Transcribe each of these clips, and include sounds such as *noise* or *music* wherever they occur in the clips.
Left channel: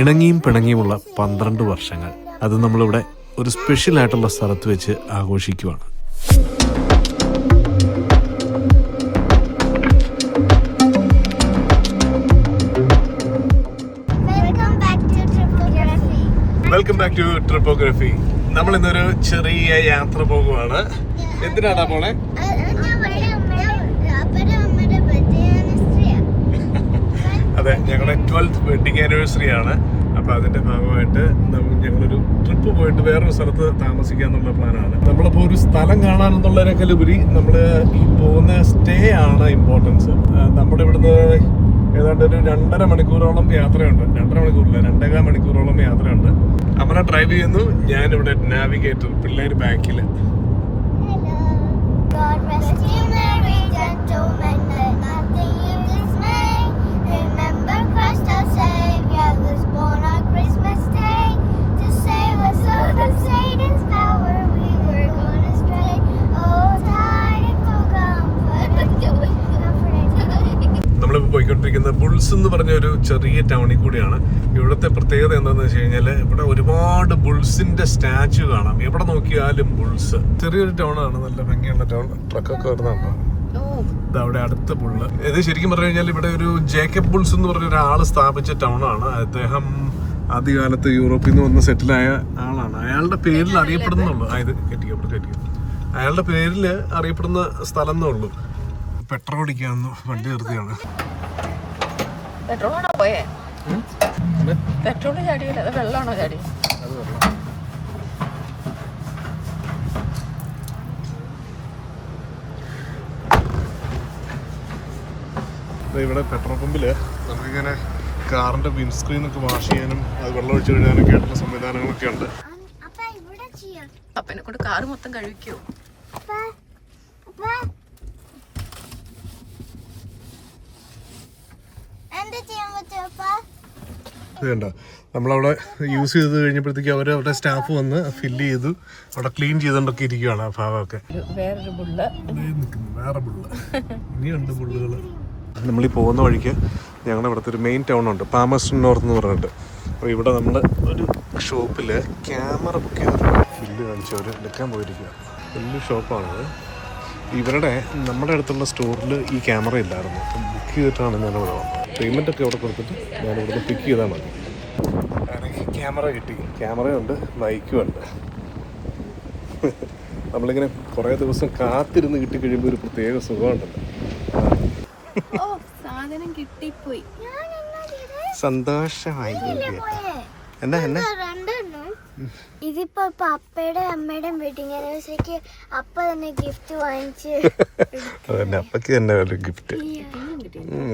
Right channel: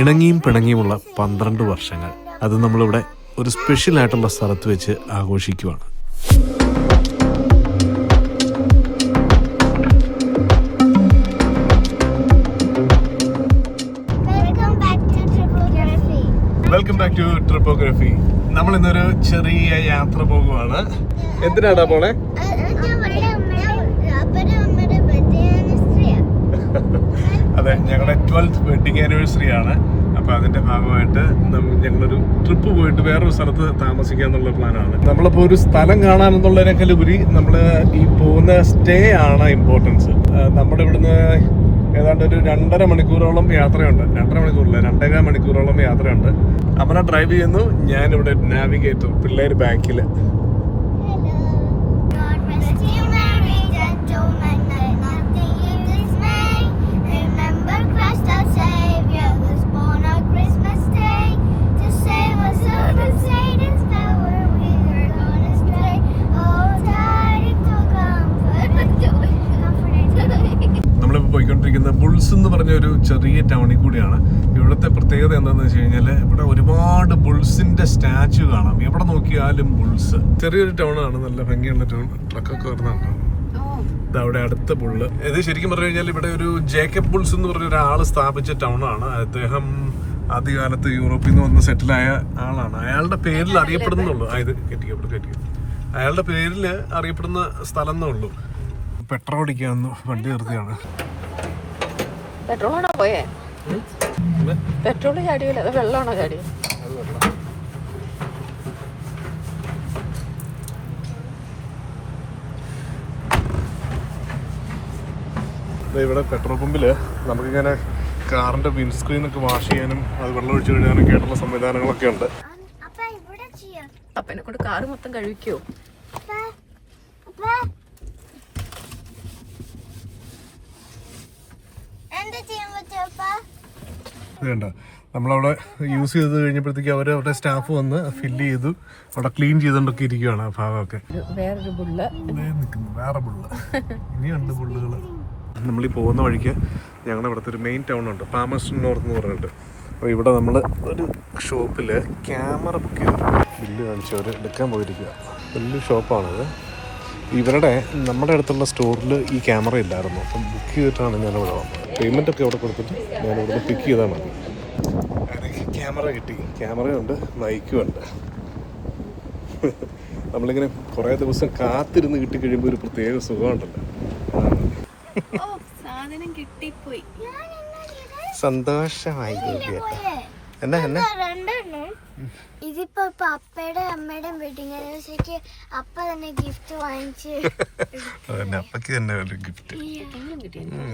ഇണങ്ങിയും പിണങ്ങിയുമുള്ള പന്ത്രണ്ട് വർഷങ്ങൾ അത് നമ്മളിവിടെ ഒരു സ്പെഷ്യൽ ആയിട്ടുള്ള സ്ഥലത്ത് വെച്ച് ആഘോഷിക്കുവാണ്. Welcome back to Triple welcome back to Trippography നമ്മൾ ഇന്നൊരു ചെറിയ യാത്ര പോകുവാണ്. എന്തിനാടാ പോണേ? അതെ ഞങ്ങളുടെ ട്വൽത്ത് വെഡിങ് ആനിവേഴ്സറി ആണ്. അപ്പൊ അതിന്റെ ഭാഗമായിട്ട് ഞങ്ങളൊരു ട്രിപ്പ് പോയിട്ട് വേറൊരു സ്ഥലത്ത് താമസിക്കുക എന്നുള്ള പ്ലാനാണ് നമ്മളിപ്പോ ഒരു സ്ഥലം കാണാൻ ഉപരി നമ്മൾ ഈ പോകുന്ന സ്റ്റേ ആണ് ഇമ്പോർട്ടൻസ് നമ്മുടെ ഇവിടുന്ന് ഏതാണ്ട് ഒരു രണ്ടര മണിക്കൂറോളം യാത്രയുണ്ട്. രണ്ടര മണിക്കൂറില്ല രണ്ടേകാൽ മണിക്കൂറോളം യാത്രയുണ്ട്. അമല ഡ്രൈവ് ചെയ്യുന്നു. ഞാനിവിടെ നാവിഗേറ്റർ പിള്ളേർ ബാക്കിൽ പോയിക്കൊണ്ടിരിക്കുന്ന ബുൾസ് എന്ന് പറഞ്ഞ ഒരു ചെറിയ ടൗണിൽ കൂടിയാണ്. ഇവിടുത്തെ പ്രത്യേകത എന്താണെന്ന് വെച്ച് കഴിഞ്ഞാൽ ഇവിടെ ഒരുപാട് ബുൾസിന്റെ സ്റ്റാച്ചു കാണാം. എവിടെ നോക്കിയാലും ബുൾസ്. ചെറിയൊരു ടൗണാണ്. ആണ് നല്ല ഭംഗിയുള്ള ടൗൺ. ട്രക്കൊക്കെ വരുന്നുണ്ടോ? അവിടെ അടുത്ത ബുള്ള്. ഇത് ശരിക്കും പറഞ്ഞു കഴിഞ്ഞാൽ ഇവിടെ ഒരു ജേക്കബ് ബുൾസ് എന്ന് പറഞ്ഞ ഒരാൾ സ്ഥാപിച്ച ടൗണാണ്. ആണ് അദ്ദേഹം ആദ്യകാലത്ത് യൂറോപ്പിൽ നിന്ന് വന്ന് സെറ്റിലായ ആളാണ്. അയാളുടെ പേരിൽ അറിയപ്പെടുന്നുള്ളൂ. അതായത് ഇവിടെ കെട്ടിക്കോ. അയാളുടെ പേരിൽ അറിയപ്പെടുന്ന സ്ഥലം എന്നുള്ളൂ പെട്രോൾ അടിക്കാന്ന് വണ്ടി നിർത്തിയാണ്. പെട്രോളാണോ പോയേ? പെട്രോൾ ചാടിയല്ല അത് വെള്ളമാണോ ചാടി? ഇവിടെ പെട്രോൾ പമ്പിൽ നമുക്കിങ്ങനെ കാറിന്റെ വിൻസ്ക്രീൻ ഒക്കെ വാഷ് ചെയ്യാനും അത് വെള്ളം ഒഴിച്ചു കഴിയാനും ആയിട്ടുള്ള സംവിധാനങ്ങളൊക്കെ ഉണ്ട്. അപ്പൊ ഇവിടെ ചെയ്യാം? അപ്പനെ കൊണ്ട് കാറ് മൊത്തം കഴിക്കോ കണ്ടോ നമ്മളവിടെ യൂസ് ചെയ്ത് കഴിഞ്ഞപ്പോഴത്തേക്ക് അവർ അവരുടെ സ്റ്റാഫ് വന്ന് ഫില്ല് ചെയ്തു. അവിടെ ക്ലീൻ ചെയ്തുകൊണ്ടൊക്കെ ഇരിക്കുകയാണ് ആ ഭാഗമൊക്കെ. വേറൊരു ബുള്ള് വേറെ ബുള്ള് ഇനിയുണ്ട് ബുള്ളുകൾ നമ്മൾ ഈ പോകുന്ന വഴിക്ക് ഞങ്ങളുടെ ഇവിടുത്തെ ഒരു മെയിൻ ടൗൺ ഉണ്ട്. പാമസ്റ്റൺ നോർത്ത് എന്ന് പറഞ്ഞിട്ട്. അപ്പോൾ ഇവിടെ നമ്മൾ ഒരു ഷോപ്പിൽ ക്യാമറ ബുക്ക് ചെയ്തിട്ടുണ്ട് ബില്ല് കാണിച്ചവർ എടുക്കാൻ പോയിരിക്കുക വലിയ ഷോപ്പാണിത് ഇവരുടെ നമ്മുടെ അടുത്തുള്ള സ്റ്റോറിൽ ഈ ക്യാമറ ഇല്ലായിരുന്നു. അപ്പം ബുക്ക് ചെയ്തിട്ടാണ് ഞാൻ ഇവിടെ വന്നത്. പേയ്മെന്റ് ഒക്കെ ഇവിടെ കൊടുത്തിട്ട് ഞാനിവിടെ പിക്ക് ചെയ്താൽ മതി. എനിക്ക് ക്യാമറ കിട്ടി. ക്യാമറയുണ്ട് നയിക്കുമുണ്ട് നമ്മളിങ്ങനെ കുറേ ദിവസം കാത്തിരുന്ന് കിട്ടിക്കഴിയുമ്പോൾ ഒരു പ്രത്യേക സുഖമുണ്ടല്ലോ. സാധനം കിട്ടിപ്പോയി. സന്തോഷമായി എന്നാ എന്നാ? രണ്ടെണ്ണം. ഇതിപ്പോ ഇപ്പൊ അപ്പയുടെ അമ്മയുടെ വെഡിങ് ആനിവേഴ്സറിക്ക് അപ്പ തന്നെ ഗിഫ്റ്റ് വാങ്ങിച്ച് *laughs* അതന്നെ അപ്പക്ക് തന്നെ ഒരു ഗിഫ്റ്റ്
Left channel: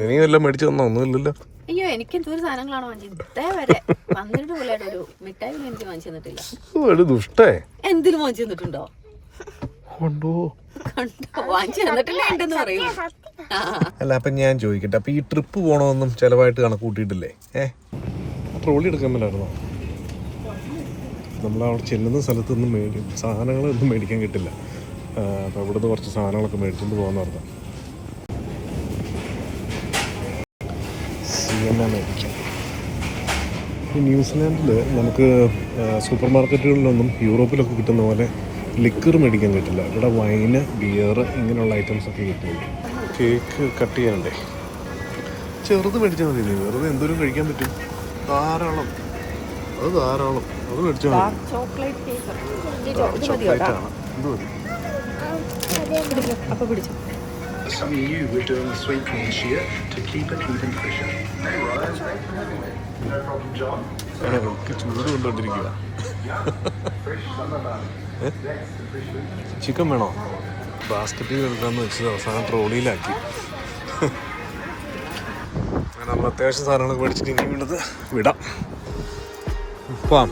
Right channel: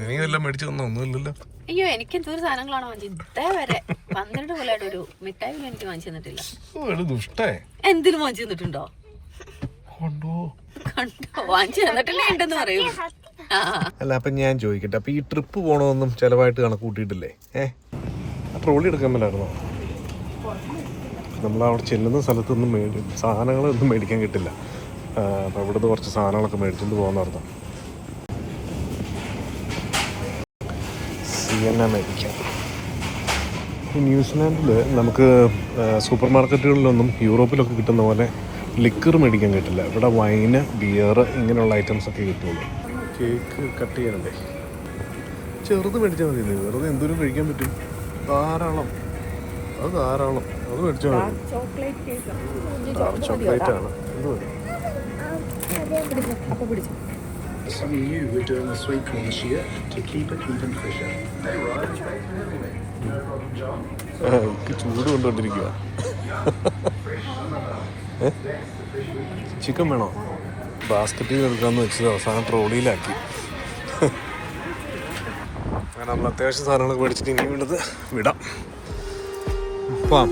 നീ വല്ലതും മേടിച്ചു തന്നോ? ഒന്നുമില്ലല്ലോ. അയ്യോ എനിക്ക് എന്തൊരു സാധനങ്ങളാണ് വാങ്ങിച്ചത്? ഇതേ വരെ. പന്ത്രണ്ട് കൊല്ലമായിട്ട് ഒരു മിഠായി മേടിച്ച് വാങ്ങിച്ചു തന്നിട്ടില്ല. ഒരു ദുഷ്ടേ. എന്തിനു വാങ്ങിച്ചു തന്നിട്ടുണ്ടോ? കണ്ടോ? കണ്ടോ? വാങ്ങിച്ചു തന്നിട്ടില്ല ഉണ്ടെന്ന് പറയൂ. അല്ല അപ്പൊ ഞാൻ ചോദിക്കട്ടെ. അപ്പൊ ഈ ട്രിപ്പ് പോണോന്നും ചെലവായിട്ട് കണക്ക് കൂട്ടിയിട്ടില്ലേ? ഏ? ട്രോളി എടുക്കുന്നുണ്ടായിരുന്നോ നമ്മൾ അവിടെ ചെല്ലുന്ന സ്ഥലത്തൊന്നും മേടി സാധനങ്ങളൊന്നും മേടിക്കാൻ കിട്ടില്ല. അപ്പോൾ അപ്പൊ അവിടുന്ന് കുറച്ച് സാധനങ്ങളൊക്കെ മേടിച്ചിട്ട് പോകുന്നതായിരുന്നു സി എൻ എൻ ഈ ന്യൂസിലാൻഡിൽ നമുക്ക് സൂപ്പർ മാർക്കറ്റുകളിലൊന്നും യൂറോപ്പിലൊക്കെ കിട്ടുന്ന പോലെ ലിക്കർ മേടിക്കാൻ കിട്ടില്ല. ഇവിടെ വൈന് ബിയർ ഇങ്ങനെയുള്ള ഐറ്റംസ് ഒക്കെ കിട്ടുള്ളൂ. കേക്ക് കട്ട് ചെയ്യാനുണ്ടേ ചെറുത് മേടിച്ചാൽ മതി വെറുതെ എന്തോരം കഴിക്കാൻ പറ്റും? ധാരാളം. അത് ധാരാളം. അത് മേടിച്ചാൽ മതി. ചോക്ലേറ്റ് പീസ് ഡാർക്ക് ചോക്ലേറ്റ് ആണ്. എന്ത് മതി? അപ്പൊ പിടിച്ചു. Some of you were doing the sweet corn this year to keep it even fresher. Hey Ryan, thanks for having me. No problem, John. ചൂട് കൊണ്ടുകൊണ്ടിരിക്കുക ചിക്കൻ വേണോ? ബാസ്ക്കറ്റിൽ എടുക്കാമെന്ന് വെച്ചത് അവസാനം ട്രോളിയിലാക്കി. അങ്ങനെ നമ്മൾ അത്യാവശ്യം സാധനങ്ങളൊക്കെ മേടിച്ചിട്ട് ഇനി വീണ്ടത് വിടാം. പോവാം.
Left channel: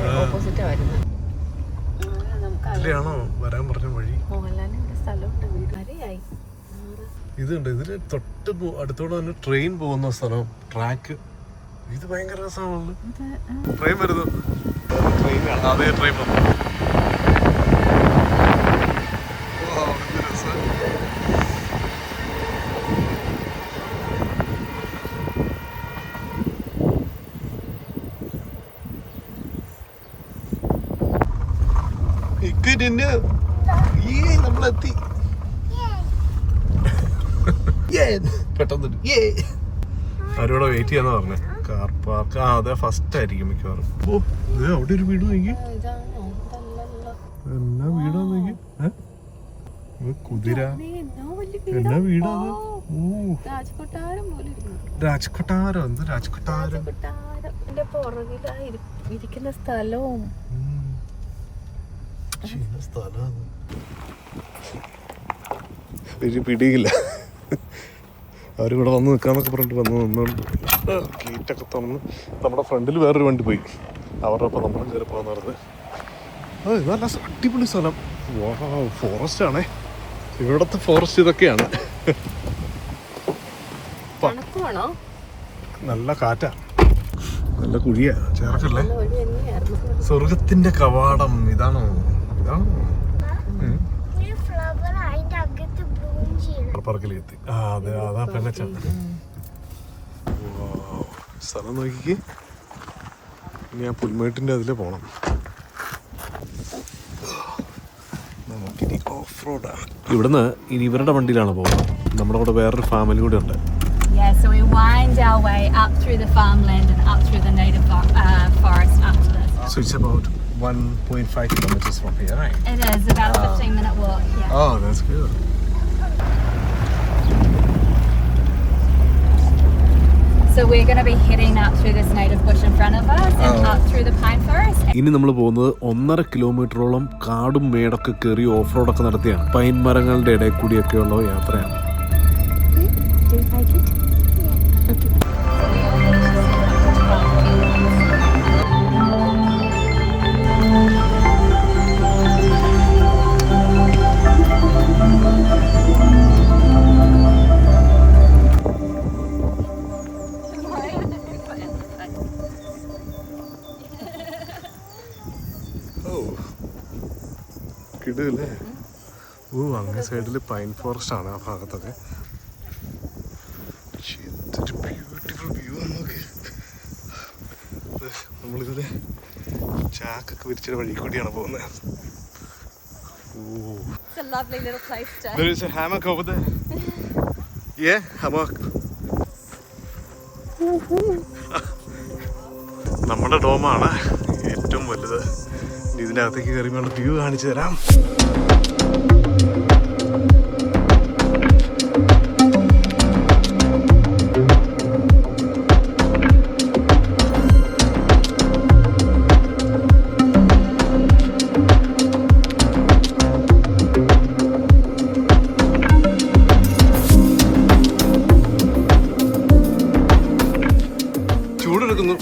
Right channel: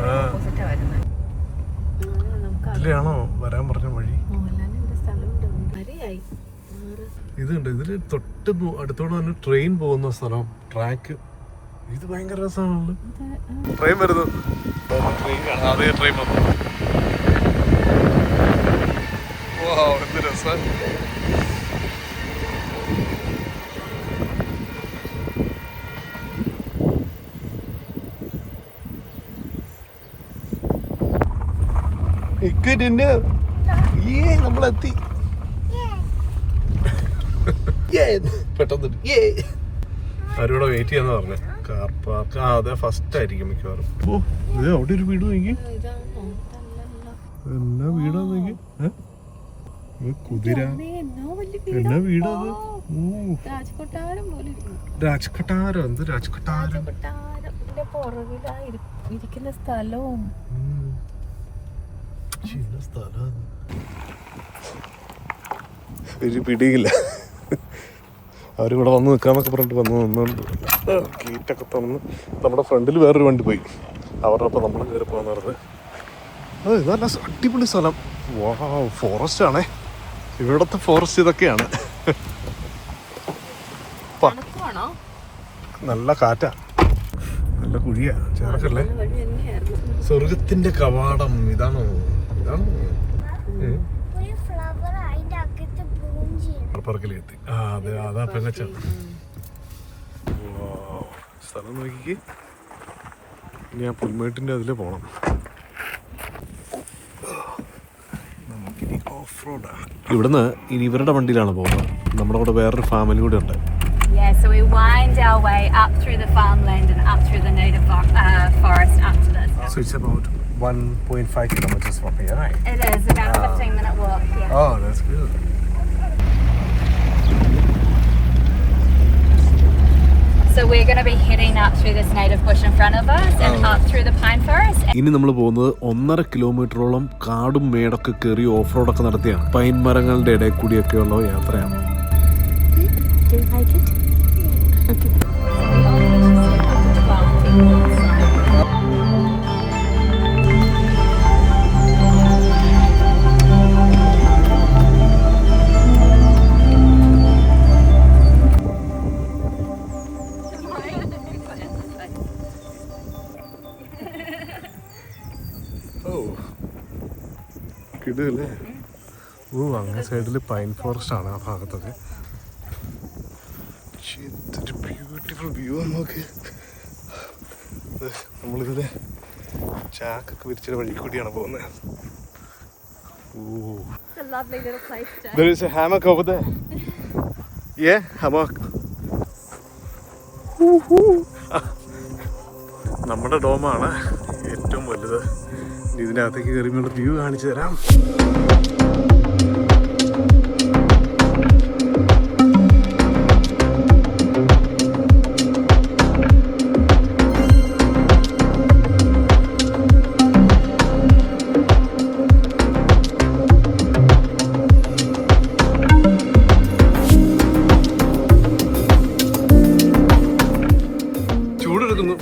ആ, വരുന്നത്. ണോ വരാൻ പറഞ്ഞ വഴി? ഇതുണ്ട് ഇതിന് തൊട്ട് അടുത്തോടെ തന്നെ ട്രെയിൻ പോകുന്ന സ്ഥലം ട്രാക്ക് ഇത് ഭയങ്കര രസമാണല്ലോ. ട്രെയിൻ വരുന്നു. ട്രെയിൻ അതേ ട്രെയിൻ വന്നു. ഓ എന്ത് രസം. പെട്ടെന്ന് വെയിറ്റ് ചെയ്യാന്ന് പറഞ്ഞേ. കാർ പാർക്ക് ആ അതെ ഫസ്റ്റ് ആയിരിക്കും മിക്കവാറും. ഓ ഇത് അവിടെ ഒരു വീട് നോക്കി. എന്നാ വീടാ കുതിര. എന്നാ വലിയ രാജ്കൊട്ടാരം എന്ത് രാജ്കൊട്ടാരം? ഇരിക്കുന്ന സ്ഥലവും. ശരി പിടിയില്ല. ആരും ഇവിടെ വന്ന് നിൽക്കാമെന്നൊക്കെ പറഞ്ഞിട്ട് വന്ന് നിന്നുകൊണ്ട് ഗേറ്റൊക്കെ തന്നു നമ്മുടെ ഫ്രണ്ടിൽ വേറൊരു വണ്ടി പോയി. അവരുടെ ഒപ്പം നമ്മളും കയറി പോകാന്ന് പറഞ്ഞത് നല്ല അടിപൊളി സ്ഥലം. വാ ഫോറസ്റ്റ് ആണേ. ഇവിടത്തെ ഫോറസ്റ്റ് ഇതൊക്കെയാണ്. നല്ല കാറ്റാ. നല്ല കുഴിയാ. ചേർക്കല്ലേ? സ്വർഗത്തിന്റെ കവാടം. ഇതാണോ? ഇതാണോ? ചെയ്യണം പറക്കിലെത്തി ആ അതെ അതാ പെങ്ങച്ചാണ് സ്ഥലം നോക്കിക്ക് ഇനി ആ പുൽമേട്ടിന്റെ അതിൽ പോണം നമുക്കിനി ഓഫ് റോഡാ ഇവിടുന്ന് ഇനി ഇവരുടെ വണ്ടിയിലാണ് പോകുന്നത് നമ്മുടെ കൂടെ വേറൊരു ഫാമിലി കൂടെ ഉണ്ട് so we wind our way up through the farmland and up through the native uh, forest up. So it's about 1.5 kilometers from here, right? It is about a 15 minute walk. Yeah. Oh, that's good. So we're going to be heading up through this native bush in front of us and up through the pine forest. ഇനി നമ്മൾ പോകുന്നത് ഒന്നര കിലോമീറ്ററോളം കാടും മേടൊക്കെ കയറി of റോഡൊക്കെ നടത്തിയാണ് pine മരങ്ങളുടെ ഇടയിൽ കൂടിയൊക്കെയുള്ള യാത്രയാണ് കിടല്ലേ ഓ അങ്ങേ സൈഡിൽ പൈൻ ഫോറസ്റ്റ് ആണ് ആ ഭാഗത്തൊക്കെ എന്തൊരു ബ്യൂട്ടിഫുൾ വ്യൂ നോക്ക് ദേ, നമ്മളിതിലെ ചാക്കൊക്കെ വിരിച്ചൊരു വഴി കൂടിയാണ് പോകുന്നത് ഓ It's a lovely little place to. There is a hammock over there. Yeah, hammock. നമ്മുടെ ഡോമാണ് ഏറ്റവും വലുത്. ഇതിനകത്തേക്ക് കയറിയുള്ള വ്യൂ കാണിച്ചു തരാം.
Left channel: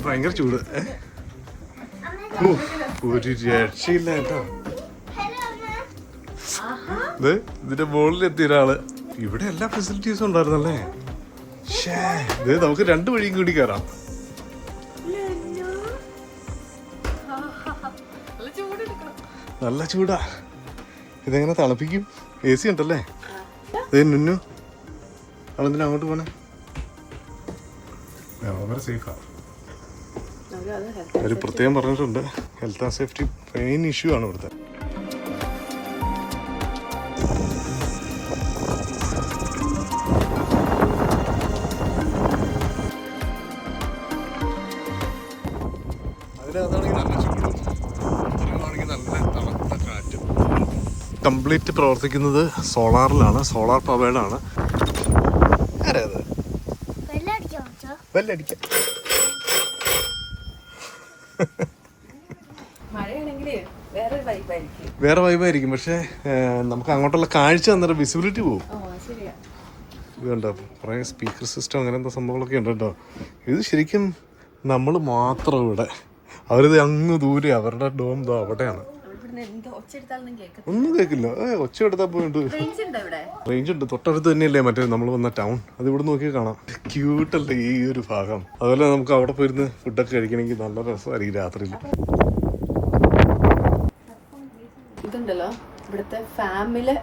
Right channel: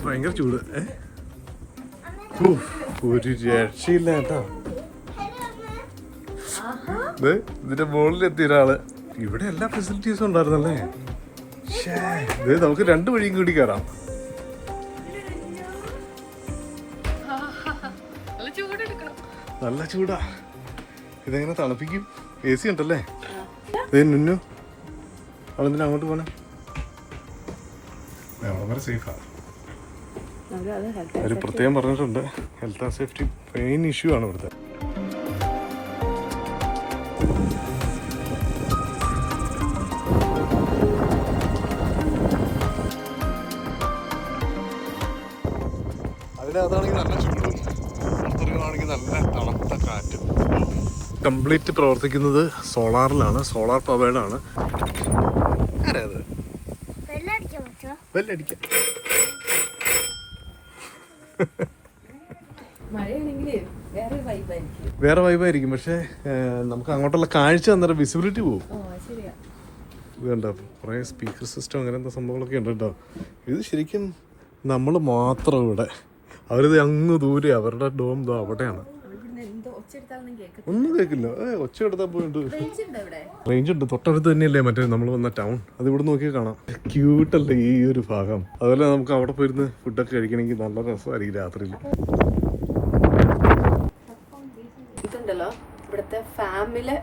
ഭയങ്കര ചൂട്. ഏ? ഒരു രക്ഷയില്ല കേട്ടോ. ഇതിന്റെ മുകളിൽ എത്തിയ ഒരാൾ. ഇവിടെ എല്ലാ ഫെസിലിറ്റീസും ഉണ്ടായിരുന്നല്ലേ? ഇത് ദേ, നമുക്ക് രണ്ടു വഴിയും കൂടി കയറാം നല്ല ചൂടാ ഇതെങ്ങനെ തണുപ്പിക്കും? എ സി ഉണ്ടല്ലേ ദേ നിന്നു. അവളെന്തിനാ അങ്ങോട്ട് പോണേ? സേഫാ അവർ പ്രത്യേകം പറഞ്ഞിട്ടുണ്ട്. Health and safety main issue ആണ് ഇവിടുത്തെ. നല്ല ചൂടും. നല്ല തണുത്ത കാറ്റും. കംപ്ലീറ്റ് പ്രവർത്തിക്കുന്നത് സോളാറിലാണ്. സോളാർ പവേഡാണ് ആരാ അത്? വെള്ളം വേറെ വൈബായിരിക്കും പക്ഷെ നമുക്ക് അങ്ങോട്ടുള്ള കാഴ്ച അന്നേരം വിസിബിലിറ്റി പോകും ഓ ശരിയാ. ഇത് കണ്ടോ കുറേ സ്പീക്കർ സിസ്റ്റം അങ്ങനത്തെ സംഭവങ്ങളൊക്കെ ഉണ്ട്? കേട്ടോ ഇത് ശരിക്കും നമ്മൾ മാത്രം ഇവിടെ. അവരിത് അങ്ങ് ദൂരെ അവരുടെ ഡോം ദോ അവിടെയാണ് ഇവിടുന്ന് എന്ത് ഒച്ചെടുത്താലൊന്നും കേൾക്കും ഒന്നും കേൾക്കില്ല. ഒച്ച എടുത്താൽ പോയിട്ട്. റേഞ്ച് ഉണ്ടോ തൊട്ടടുത്ത് തന്നെയല്ലേ മറ്റേ നമ്മൾ വന്ന ടൗൺ. അത് ഇവിടെ നോക്കിയാൽ കാണാം. ക്യൂട്ടല്ലേ ഈ ഒരു ഭാഗം. അതുപോലെ നമുക്ക് അവിടെ പോയിരുന്ന് ഫുഡൊക്കെ കഴിക്കണമെങ്കിൽ നല്ല രസമായിരിക്കും രാത്രിയിൽ. ഇതുണ്ടല്ലോ. ഇവിടുത്തെ ഫാമിലെ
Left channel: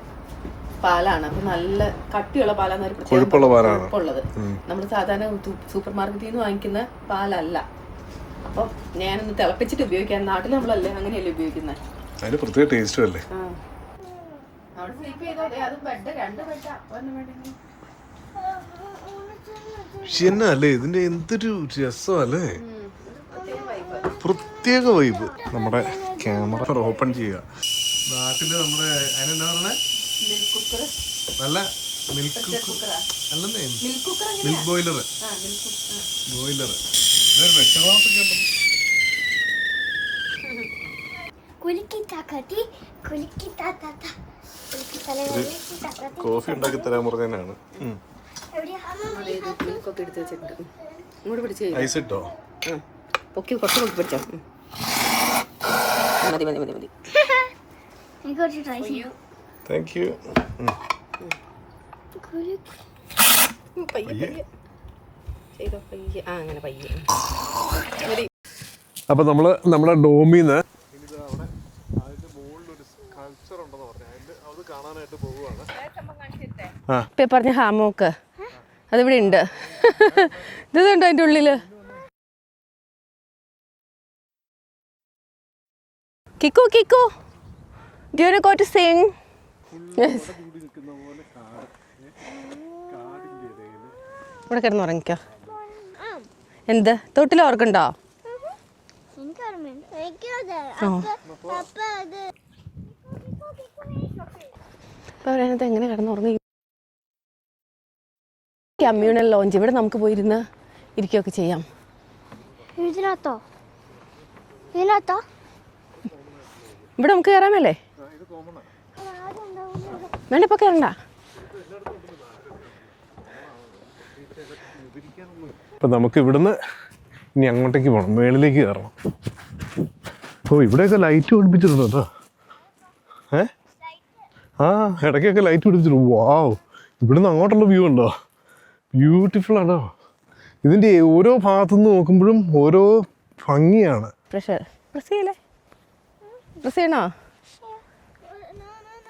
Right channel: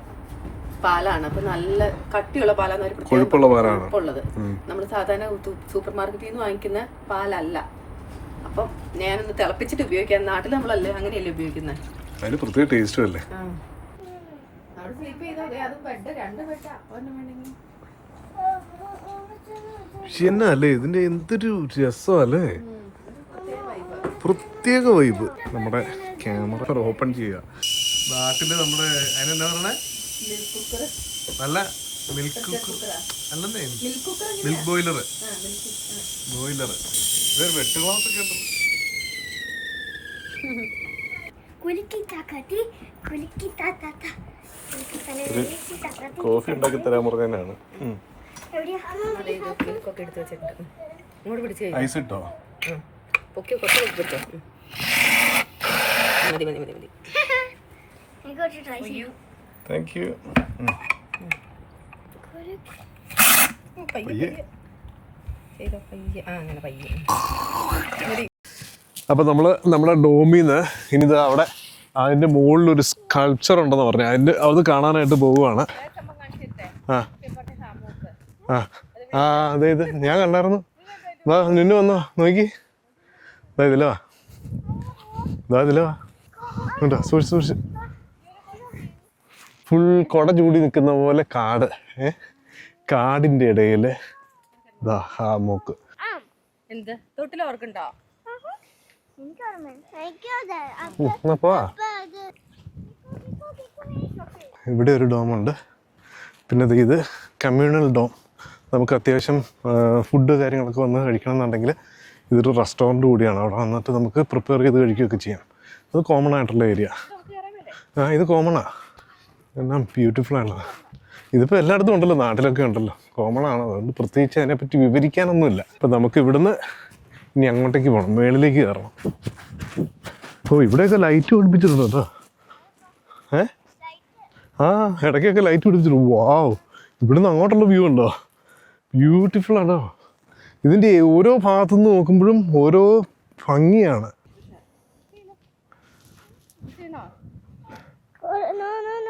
പാലാണ്. അപ്പൊ നല്ല കട്ടിയുള്ള പാലാണ് കൊഴുപ്പുള്ള പാലാണ്. നമ്മൾ സാധാരണ സൂപ്പർ മാർക്കറ്റിൽ നിന്ന് വാങ്ങിക്കുന്ന പാലല്ല. അപ്പൊ ഞാനൊന്ന് തിളപ്പിച്ചിട്ട് ഉപയോഗിക്കാൻ നാട്ടിൽ നമ്മളല്ലേ അങ്ങനെയല്ലേ ഉപയോഗിക്കുന്നത് അതിന് പ്രത്യേക ടേസ്റ്റും അല്ലേ? എന്നാ അല്ലേ ഇതിന്റെ എന്തൊരു രസമല്ലേ? പ്രത്യേക വൈബ് നമ്മുടെ ക്യാമറ ഓപ്പൺ ചെയ്യുക. നാട്ടിൽ നമ്മുടെ അതിനെന്താ പറഞ്ഞ? നല്ല മിൽക്ക് കുക്കർ അല്ലെന്നേ? മിൽക്ക് ബോയിലർ ബോയിലർ വെട്ട് ഗ്ലാസ് ഒക്കെ കോഫി ഉണ്ടാക്കി തരാൻ പറഞ്ഞാണ് ഐസ് ഇട്ടോ? പൊക്കി കുറച്ച് പിടിച്ചോ. മതി മതി മതി മതി. കുറച്ച് ട്രൈ ചെയ്യൂ താങ്ക് യു പയ്യെ പയ്യെ. ചെയ്തോ പയ്യെ. ആ അങ്ങനെ പയ്യെ. മതി. അപ്പൊ നമ്മൾ നമ്മുടെ ഡോമിന്ന് ഇനി ഇനിത് അവിടെ അതിന്റെ മുകളിൽ ഒരു സ്കൾപ്ചർ ഉണ്ടെന്ന് പറഞ്ഞു. അതിന്റെ അത് കാണാനായിട്ട് പോവുകയാണ്. ആ. പറഞ്ഞ ഹാമോക്ക്. അതിവിടെ ഉണ്ട്. ഞാൻ കണ്ടായിരുന്നു. ഉള്ളിൽ നിന്നു വന്നോ നോക്കി. ഇതിലേ കിക്കു കിക്കു. സൂക്ഷിച്ച് സൂക്ഷിച്ച്. ഫുൾ കൊട ചൂടി നിൽക്കുന്ന പോലെ കാട്. കാടിന്റെ മൂക്ക് എന്ത്? തൊട്ടിൽ ഓർക്കുണ്ടോ എനിക്ക് ഓർമ്മയുണ്ട് എനിക്കത് എന്നാ പോവാ അത് ഇവിടെ ഒരു ഡോം ഉണ്ട്. പിന്നെ ഇത് കമ്മ്യൂണൽ ഡോം. നമുക്ക് അത്യാവശ്യം ഫുഡ് കാര്യങ്ങളൊക്കെ വന്ന് കഴിക്കണമെന്നുണ്ടെങ്കിൽ ഇതൊരു റെസ്റ്റോറന്റ് കൂടിയാണ്. അവിടെ വന്നിട്ട് നമുക്ക് പ്രിപ്പയർ ചെയ്ത് കഴിക്കുകയൊക്കെ ചെയ്യാം. അത് കോമൺ ആയിട്ടുള്ള ഏരിയ ഇവിടെ നമുക്ക് കയറാമല്ലേ ആ ഇത് കോമണാ എല്ലാം ബ്യൂട്ടിഫുൾ ഇതിപ്പോ എല്ലായിടത്തും ഉണ്ടല്ലോ. നാട്ടിലൊക്കെ ഉണ്ടല്ലോ. കോമൺ ആണ്. അതുകൊണ്ട് പ്രത്യേകിച്ച് അതിനെപ്പറ്റി വിവരിക്കാനൊന്നുമില്ല. ഇപ്പൊ നമുക്ക് ഇവിടുന്ന് ഇനി അങ്ങോട്ടേക്ക് പോകണം മേളിലേക്ക് കയറണം. ഓ ഇവിടെയൊക്കെ ലൈറ്റ് പിടിപ്പിച്ചിട്ടുണ്ട് കേട്ടോ. ഏ? ആ ഇടയ്ക്കൊക്കെ ലൈറ്റ് പിടിപ്പിച്ചിട്ടുണ്ട്. വാവ് ഇവിടുന്ന് അങ്ങോട്ടുള്ള വ്യൂ ഉണ്ടോ? ബ്യൂട്ടിഫുൾ ആണോ ഇതിന്റെ ഓരോ ഭാഗത്തു നിന്ന് നോക്കുമ്പോഴും ഓരോ ഭംഗിയാണ്.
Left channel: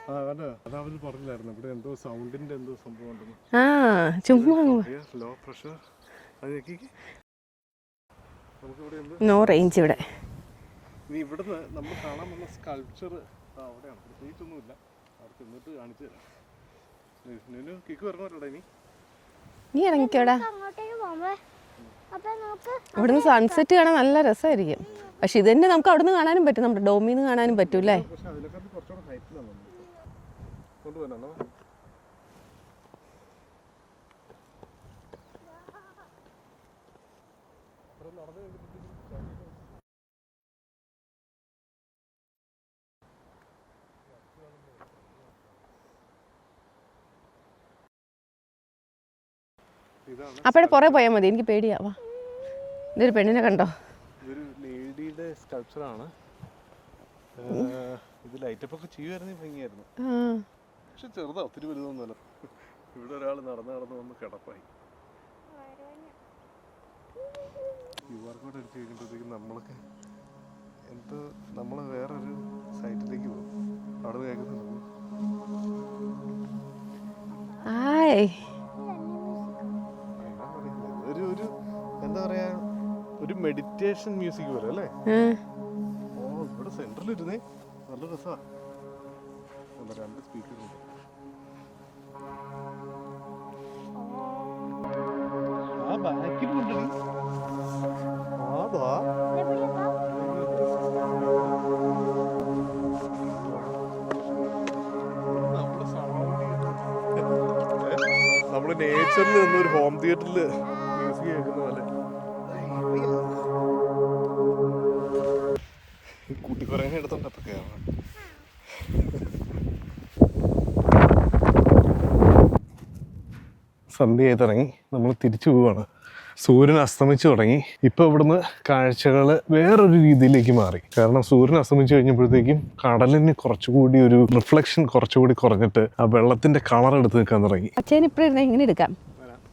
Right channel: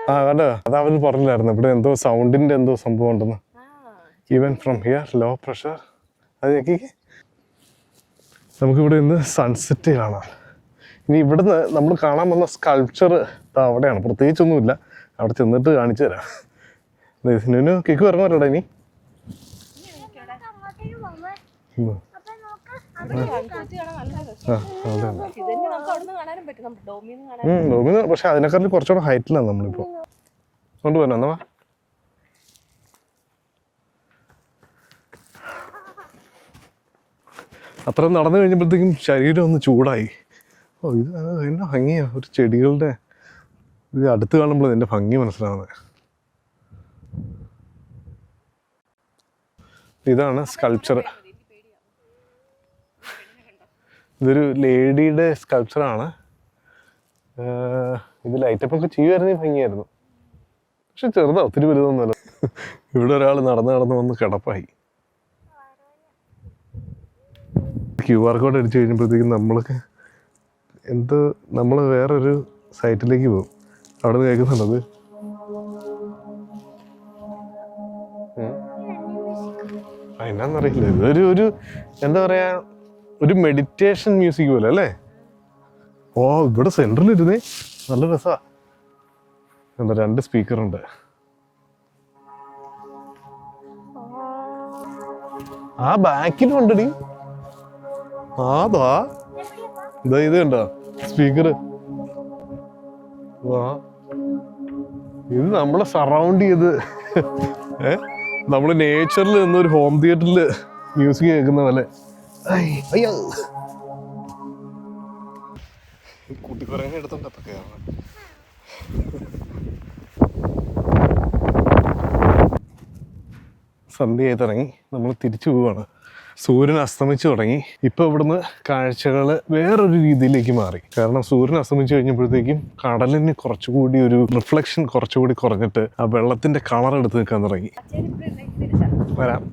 ആ അത് അവൻ പറഞ്ഞില്ലായിരുന്നു? ഇവിടെ എന്തോ സൗണ്ടിന്റെ എന്തോ സംഭവം ഉണ്ടെന്ന്. Even from here low pressure അത് നമുക്കിവിടെ ഇന്ന് സൺസെറ്റ്. കാണാം ഇനി ഇവിടുന്ന് നമ്മൾ കാണാൻ വന്ന സ്കൾപ്ചർ അവിടെയാണ്. പ്രത്യേകിച്ചൊന്നുമില്ല. അവിടെ ചെന്നിട്ട് കാണിച്ചു തരാം. ഇതിനു കേക്ക് പറഞ്ഞോടാ ഇനി. നീ ഇറങ്ങിക്കോടാ. ഇവിടുന്ന് സൺസെറ്റ് കാണാൻ നല്ല രസമായിരിക്കും. പക്ഷെ ഇത് തന്നെ നമുക്ക് അവിടുന്ന് കാണാനും പറ്റും. നമ്മുടെ ഡോമിന്ന് കാണാനും പറ്റും പക്ഷെ അതിനെക്കാളും കുറച്ചുകൂടെ ഹൈറ്റിലാണ് നമ്മളിപ്പോ കൊണ്ടുപോകാൻ എന്നാ അത്ര നടന്നു കഴിഞ്ഞപ്പോഴത്തേക്കും ശരീരം ഒന്ന് ചൂടായി. ഓ ഇത് എന്നാ ഭംഗിയാണ് ഒരു ചെടികളുടെ ഇത് അടുത്ത് കാണുമ്പോൾ ഇതിന്റെ ഭംഗി മനസ്സിലാവുന്നത് ഇതാണ് എനിക്ക് പേടിയാവാ ഇതൊരു പെണ്ണിനെ കണ്ടോ? ഇതൊരു ലേഡിയുടെ സ്കൾപ്ചറാണ് ഇത് ലൈറ്റപ്പ് ഒക്കെ ചെയ്യുമായിരുന്നെങ്കിൽ ഭംഗിയായിരുന്നു. പക്ഷെ ചെറുതാ ഒത്തിരി വലുതൊന്നുമല്ല. ഇവിടെ ഒരാൾ നടന്ന് നടന്ന് വന്ന് കിടപ്പായി. ക്യു ആർ കോഡ് അടിച്ചു കഴിഞ്ഞപ്പോഴത്തേക്കും നമ്മൾക്ക് എന്ത് നമ്മൾ വേറൊരു സൈറ്റിലേക്ക് പോകും. അവിടെ നിന്ന് കേൾക്കുന്നുണ്ടത് എന്നാന്നറിയില്ല. ഇതൊരു ഒരു എന്താ പറയാ ഒരു മെഡിറ്റേഷൻ മ്യൂസിക് പോലെ അല്ലേ? ഓ ഇവിടെ സെന്ററിൽ ഇരുന്നേ നല്ല രസാ. എന്താ രണ്ട് സ്പീക്കർ ഉണ്ട്. ആ ബാക്കിലും ഉണ്ടടി ആതാ ഇതാ ഇത് കണ്ട? സ്പീക്കർ ഇത് നമ്മളെ സറൗണ്ട് ചെയ്ത്. നമ്മൾ നേച്ചറിൽ ഒരു ഹോം തിയേറ്ററിൽ മ്യൂസിക് കേൾക്കുന്ന പോലെ അയ്യോ. കുട്ടി കുറേ എടുത്തോണ്ട് അപ്പൊ കയറണം സന്ധ്യയായി തുടങ്ങി. നമ്മൾ തിരിച്ചു പോവാണ്. സൂര്യൻ അസ്തമിച്ചു തുടങ്ങി. ഇപ്പൊ ഇവിടുന്ന് കാഴ്ചകൾ വേറൊരു രീതിയിലേക്ക് മാറി. കാരണം സൂര്യൻ അസ്തമിച്ചു കഴിഞ്ഞപ്പോഴത്തേക്കും കടലിന് കുറച്ചുകൂടി ഒരു റിഫ്ലക്ഷൻ കുറച്ചുകൂടി കുറഞ്ഞിട്ട് ആ വെള്ളത്തിന്റെ കളർ എടുത്ത് നിൽക്കാൻ തുടങ്ങി. അച്ഛൻ ഇപ്പോഴും ഇങ്ങനെ എടുക്കാം? വരാം.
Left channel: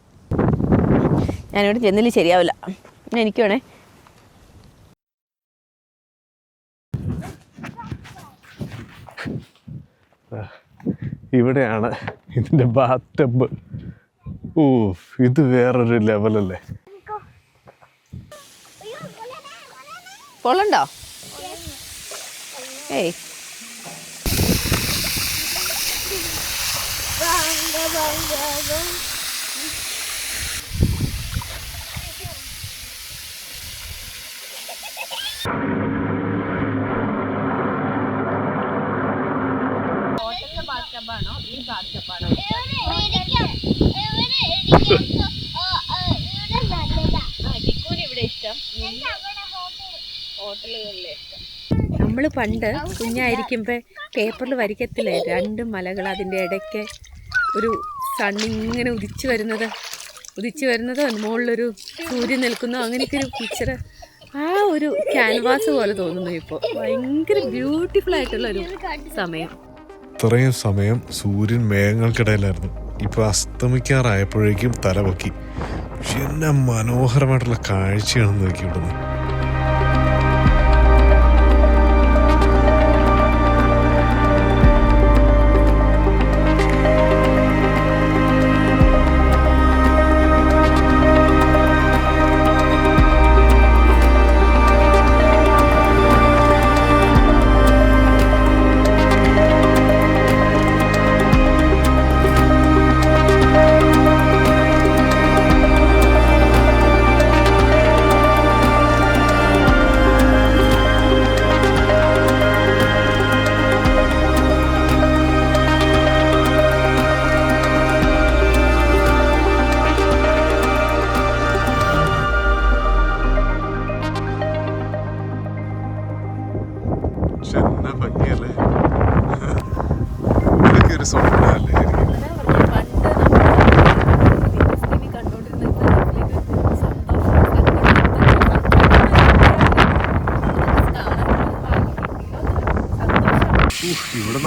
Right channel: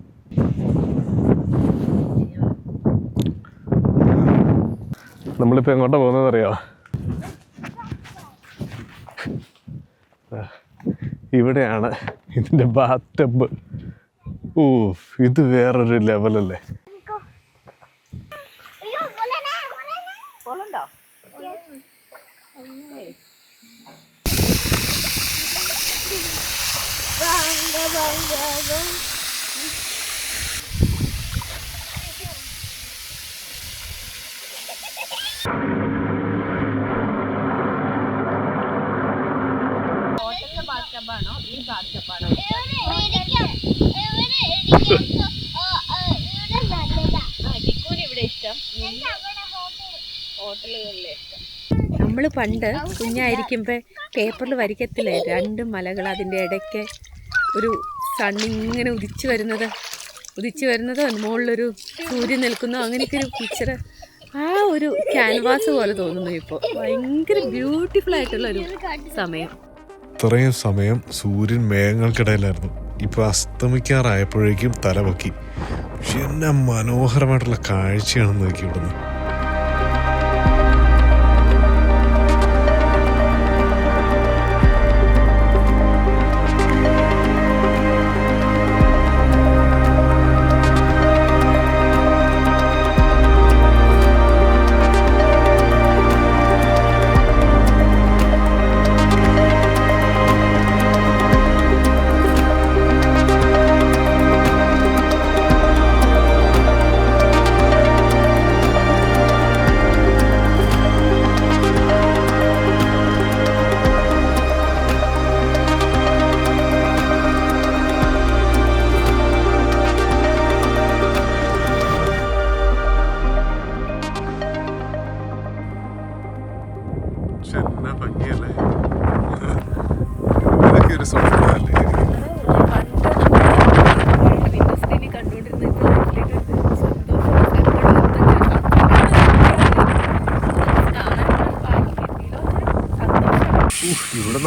ഞാനിവിടെ ചെന്നില്ല ശരിയാവില്ല. എനിക്ക് വേണേ. പോകുന്നത് അറിയോ? ഇവിടെയാണ് ഇതിന്റെ ബാത്ത് ടബ് ഓ ഇത് വേറൊരു ലെവലല്ലേ പൊള്ളണ്ടോ ഏയ്. നമ്മൾ പണ്ട് കുഞ്ഞായിരിക്കുമ്പോൾ പേപ്പറിൽ വരയ്ക്കത്തില്ലേ രണ്ട് മലകൾ അതിന്റെ ഇടയ്ക്ക് ഒരു സണ്ണിങ്ങനെ ഉദിച്ചു വരുന്നത്. ഉദിച്ചു വരുന്നത് മുകളിലൊരു സൂര്യൻ നിൽക്കുന്നു. അങ്ങനെയൊക്കെ ഒരു പിക്ചർ ആ ഒരു ക്യാൻവാസ് പോലെ തോന്നുന്നു ഇപ്പോൾ ഭയങ്കര ബ്യൂട്ടിഫുൾ ആയിട്ടുള്ള ഒരു സമയം. ഇത്രയും സമയം സൂര്യൻ മേഘങ്ങൾക്കിടയിലായിരുന്നു. ഇപ്പൊ അസ്തമിക്കാറായപ്പോഴേക്കും തലപൊക്കി. പക്ഷെ എന്നാ മനോഹരമായിട്ടുള്ള കാഴ്ചയാണെന്ന് നോക്കി ഇവിടുന്ന്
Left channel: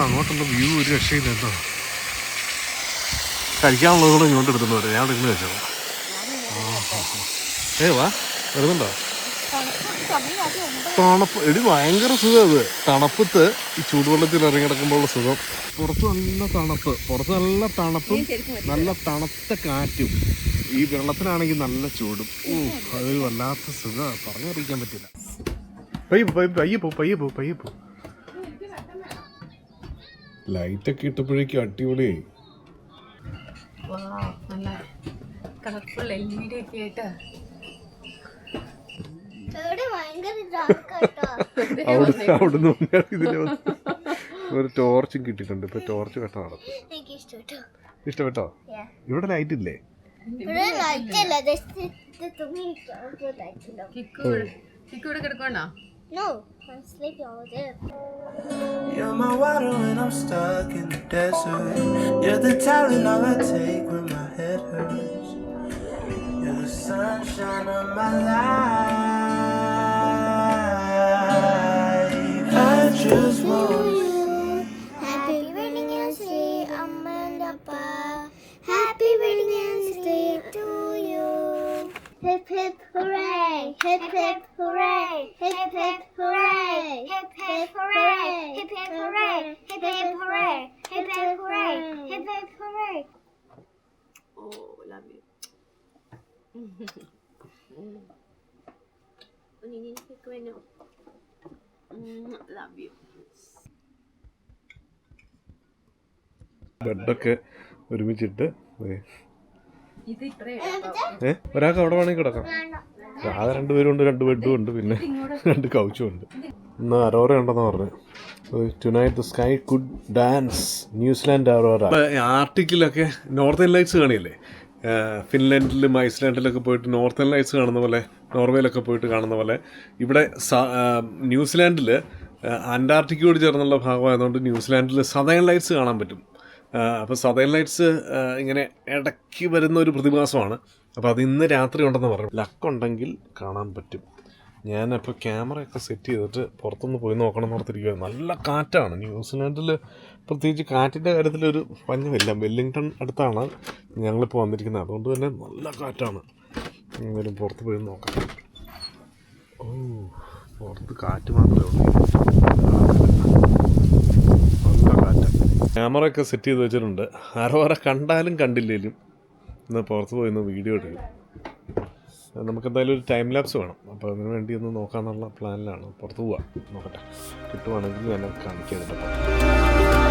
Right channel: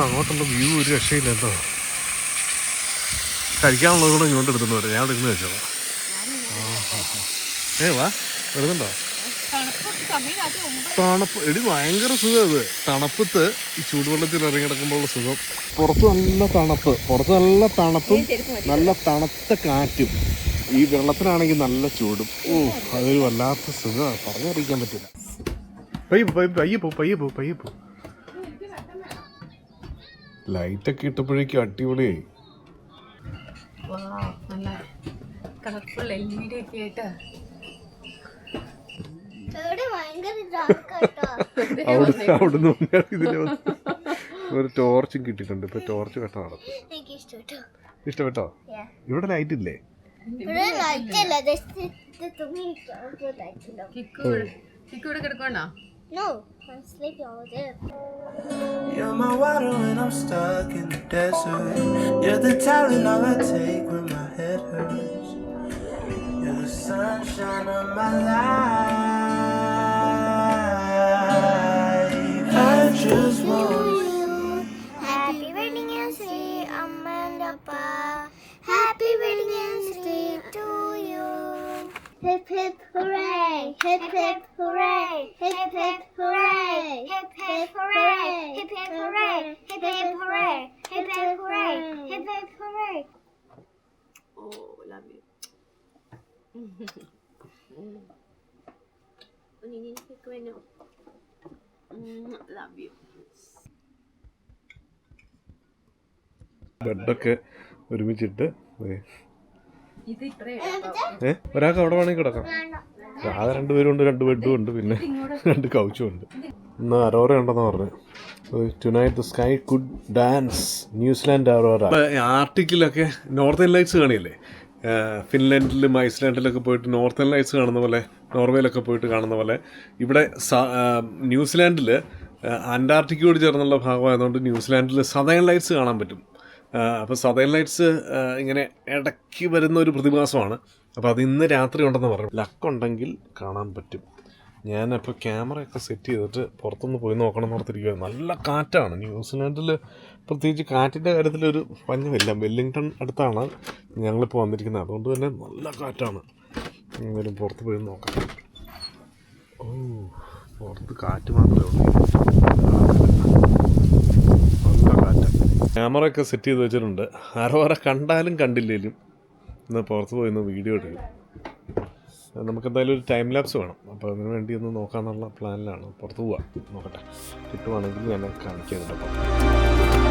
അങ്ങോട്ടുള്ള വ്യൂ ഒരു രക്ഷയില്ല കേട്ടോ. കഴിക്കാനുള്ളത് കൂടെ ഇങ്ങോട്ട് എടുത്തിട്ട് വരാം. ഞാൻ ഇരുന്ന് കഴിച്ചോളാം. ഏ വാ. വരുന്നുണ്ടോ? തണുപ്പ്. എടി ഭയങ്കര സുഖം അത് തണുപ്പത്ത് ഈ ചൂടുവെള്ളത്തിൽ ഇറങ്ങി കിടക്കുമ്പോഴുള്ള സുഖം. പുറത്ത് നല്ല തണുപ്പ്. പുറത്ത് നല്ല തണുപ്പും നല്ല തണുത്ത കാറ്റും. ഈ വെള്ളത്തിനാണെങ്കിൽ നല്ല ചൂടും. ഓ അതൊരു വല്ലാത്ത സുഖമാണ് പറഞ്ഞറിയിക്കാൻ പറ്റില്ല. പയ്യെ പയ്യപ്പോ പയ്യെ പയ്യെ പോ പയ്യെ ലൈറ്റ് ഒക്കെ ഇട്ടപ്പോഴേക്കും അടിപൊളിയായി. നല്ല കളർഫുൾ ഒരു ടോർച്ചും കിട്ടിട്ടുണ്ട് ഇപ്പൊ ടോർച്ച് കട്ട നടക്കും. ഇഷ്ടപ്പെട്ടോ? ഇവിടെ ലൈറ്റ് ഇല്ലേ? കിടക്കണോ I'm sleeping over there. You're my water when I'm stuck in the desert. You're the talent all I take when my head hurts. You're the sunshine of my life. I just want love you ബെഡൊക്കെ ഒരുമിച്ചിട്ട് ദേ. ഇത് ഇത്രേ ഏ ഒരാൾക്ക് അവിടെ വേണമെങ്കിൽ കിടക്കാം. ആകെ രണ്ടുപേരും ഉണ്ട് രണ്ട് ബെഡും ഉണ്ട് പിന്നെ *laughs* രണ്ട് കൗച്ചും ഉണ്ട്. ഇന്ന് അരോറ ഉണ്ടെന്ന് പറഞ്ഞു. Tonight the sky could dance New Zealand aurora ആർട്ടിക്കിലൊക്കെ northern lights കാണില്ലേ? ഫിൻലാൻഡിലും ഐസ്ലാൻഡിലൊക്കെ പോയിട്ട് നോർത്തേൺ ലൈറ്റ്സ് കാണുന്ന പോലെ നോർവേയിലൊക്കെ പോയിട്ട് കാണുന്ന പോലെ. ഇവിടെ ന്യൂസിലാൻഡിൽ അന്റാർട്ടിക്കയോട് ചേർന്നുള്ള ഭാഗമായതുകൊണ്ട് ന്യൂസിലാൻഡിൽ സതേൺ ലൈറ്റ്സ് കാണാൻ പറ്റും. അപ്പോൾ സതേൺ ലൈറ്റ്സ് ഇങ്ങനെ ഇടയ്ക്ക് വരുന്ന ഒരു പ്രതിഭാസമാണ്. അപ്പോൾ അത് ഇന്ന് രാത്രി ഉണ്ടെന്ന് പറഞ്ഞു. ലക്കുണ്ടെങ്കിൽ കാണാൻ പറ്റും. ഞാനപ്പോൾ ക്യാമറയൊക്കെ സെറ്റ് ചെയ്തിട്ട് പുറത്തുനിന്ന് പോയി നോക്കണം എന്ന് ഓർത്തിരിക്കുക നല്ല കാറ്റാണ്. ന്യൂസിലാൻഡിൽ പ്രത്യേകിച്ച് കാറ്റിന്റെ കാര്യത്തിലൊരു പഞ്ഞമില്ല. വെല്ലിങ്ടൺ അടുത്താണ് ഞങ്ങളിപ്പോൾ വന്നിരിക്കുന്നത്. അതുകൊണ്ട് തന്നെ നല്ല കാറ്റാണ്. എന്തായാലും പുറത്ത് പോയി നോക്കാം. ഓ പുറത്ത് കാറ്റ് മാത്രമേ ഉള്ളൂ. നല്ല കാറ്റ്. ക്യാമറയൊക്കെ സെറ്റ് ചെയ്ത് വെച്ചിട്ടുണ്ട്. ആരോ ആരെ കണ്ടാലും കണ്ടില്ലേലും ഇന്ന് പുറത്ത് പോയി ഒന്ന് വീഡിയോ എടുക്കും അത് നമുക്ക് എന്തായാലും ഒരു ടൈം ലാപ്സ് വേണം. അപ്പോൾ അതിന് വേണ്ടി ഒന്ന് നോക്കാമെന്നുള്ള പ്ലാനിലാണ് പുറത്ത് പോവാം. നോക്കട്ടെ. കിട്ടുവാണെങ്കിൽ ഞാൻ കാണിക്കാം ഇതിന്റെ